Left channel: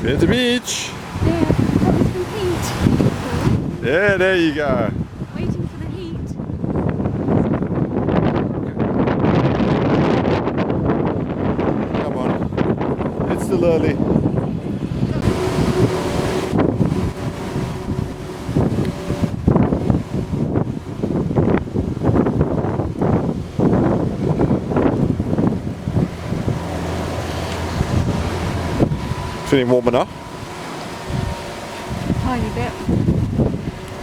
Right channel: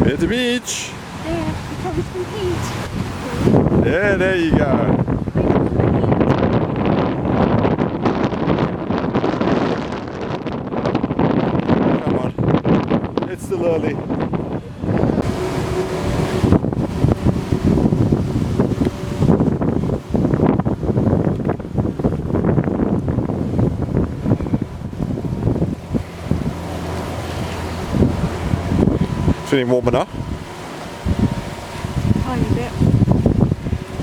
We're at the beach. Yeah, probably some heat. Yeah, there you go. Waiting for the heat. Come on. It's still early. Feeling warm enough? Tiny bit.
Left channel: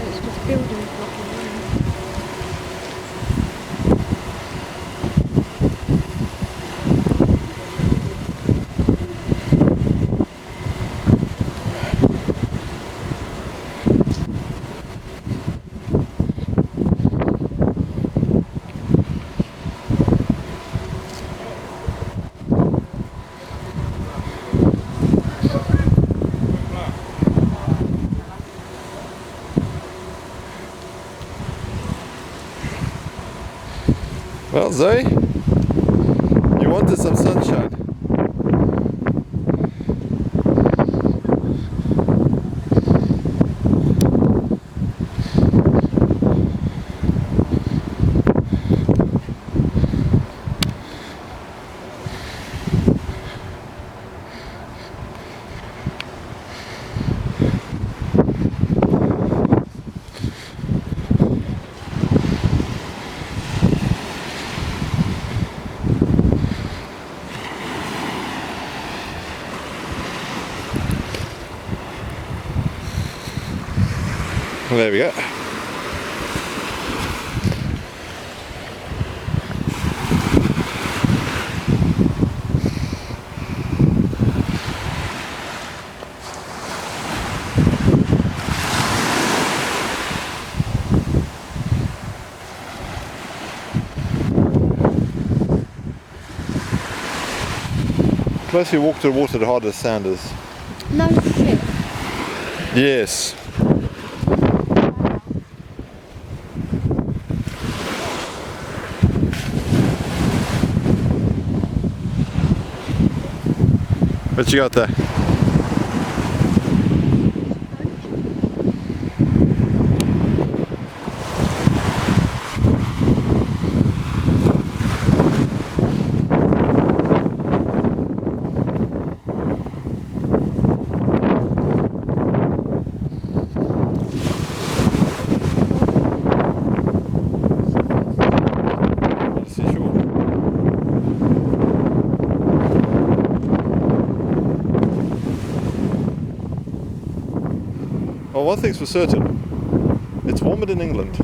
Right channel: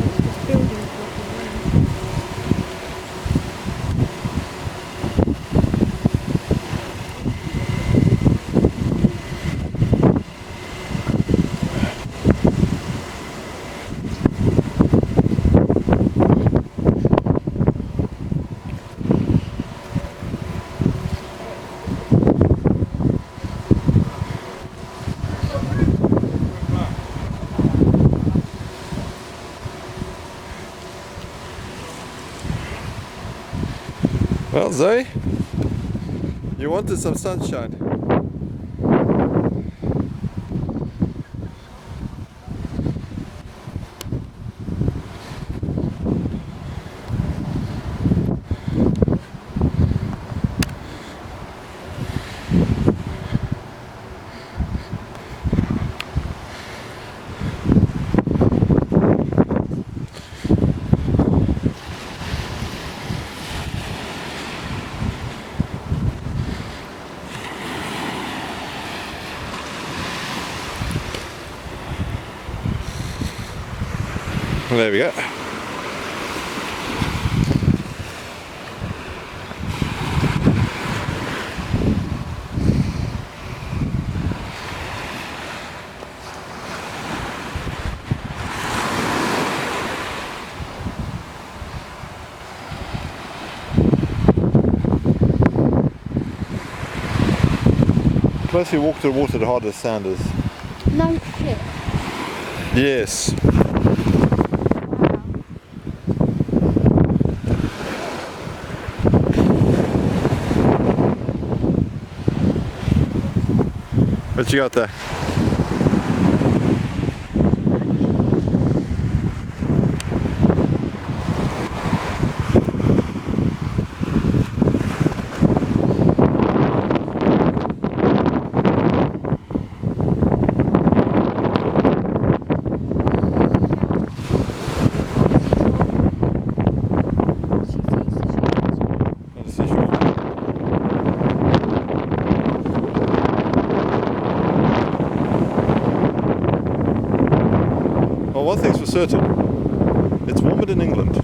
It's just buildings blocking the road. Well, Zoe, you wanted some sunshine. Well, there we go. The closer you walk to the water, the harder the sand is. No slip. Yes. What you got there? Well, one thing's for certain, it's warmer than England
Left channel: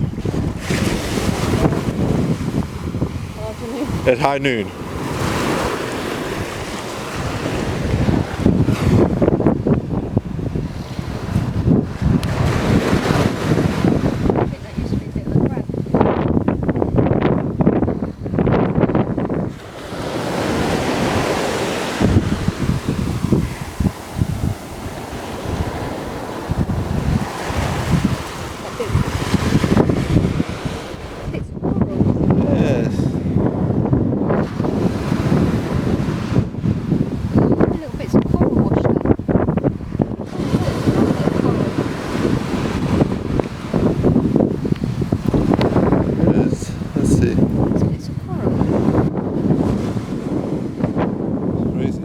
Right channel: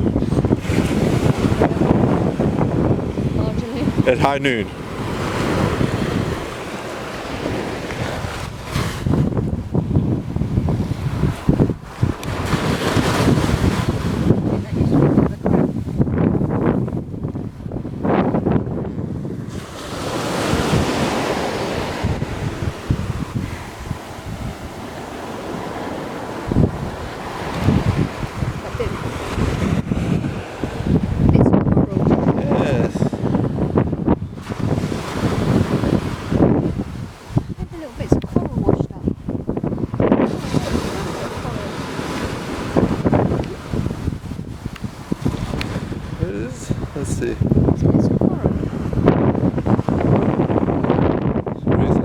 at high noon. I think that used to be a bit of a crap. It's coral. Yes. Little bits of coral washed up. It is. Let's see. It's coral. Where is it?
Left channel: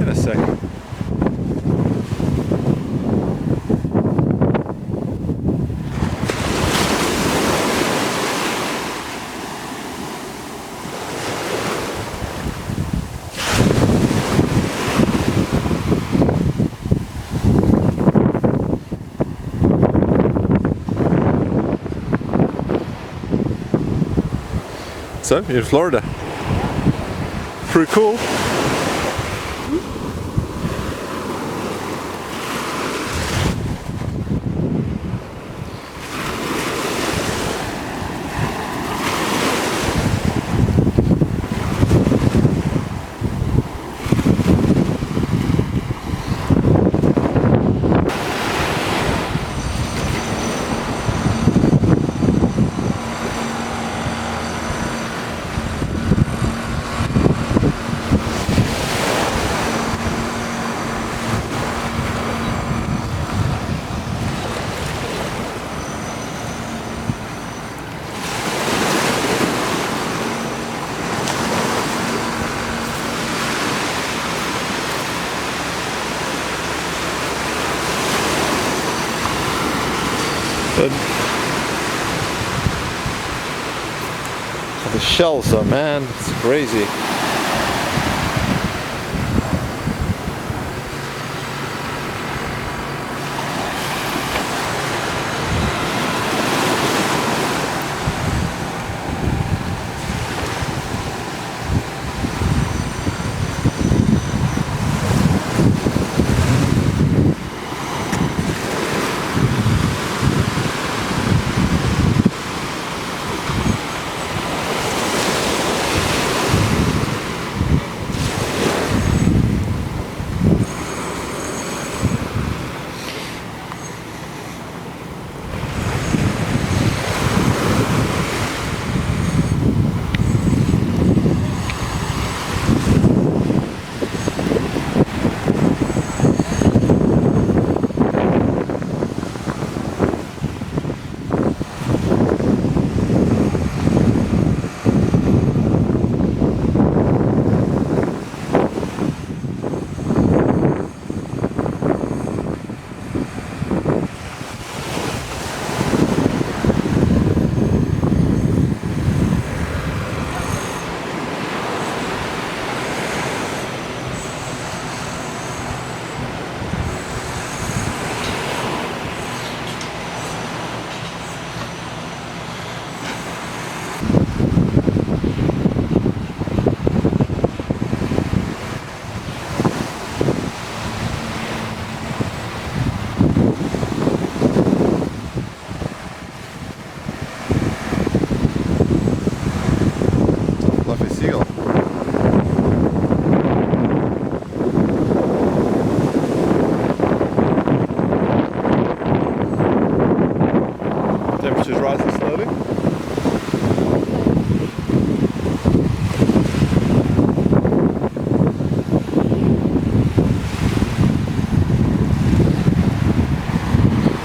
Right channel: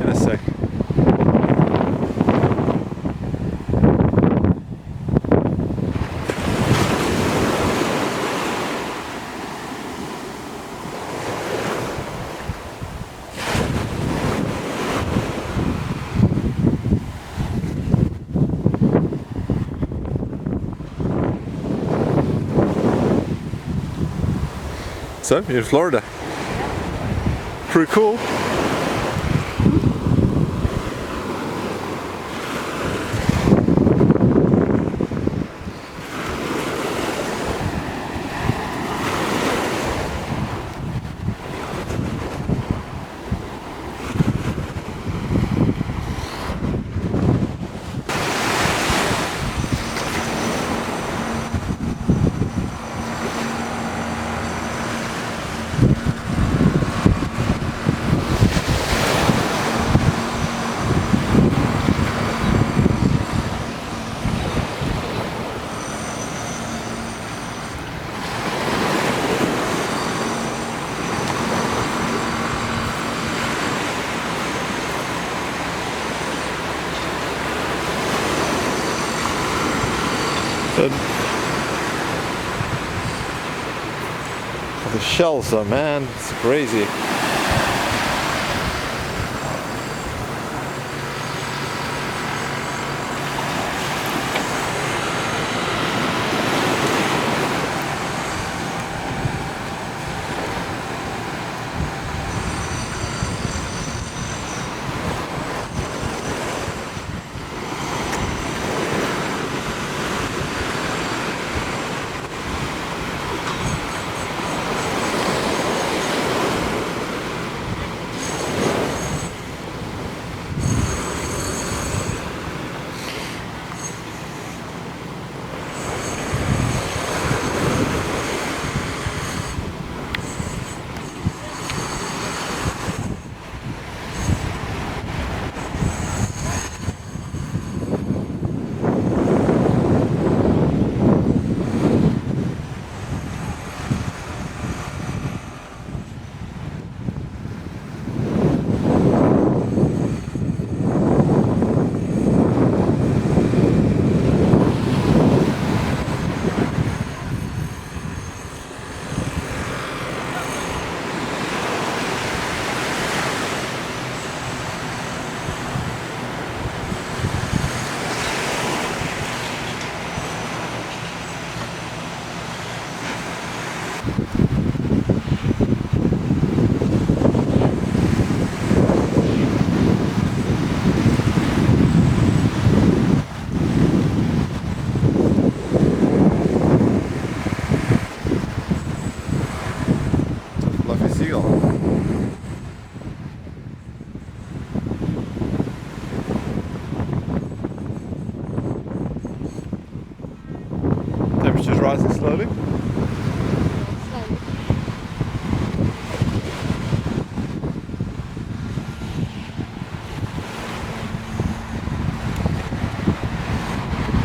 In a sec. So, you're in Florida. Pretty cool. So, the shells though, man, it's crazy. Fluffy seagull. Temperature's rising slowly.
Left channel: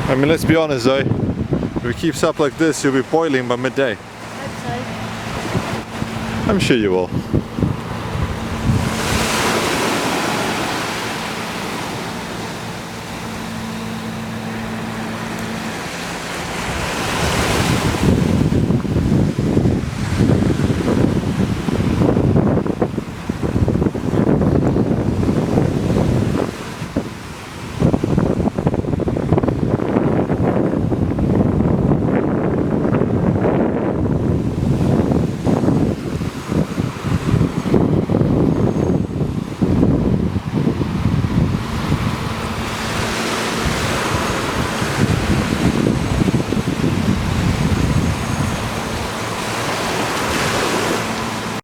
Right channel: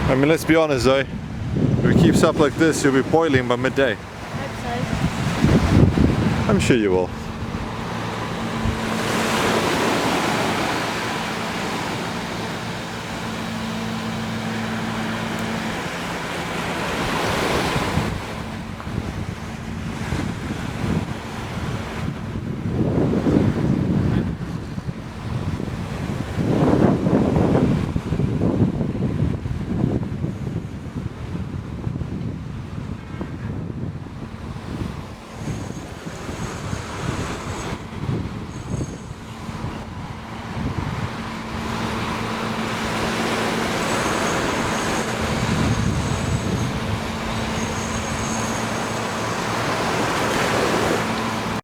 I mean, let's be honest though, if it keeps up like this, you'll be boiling by midday. I hope so. I'm sure you will.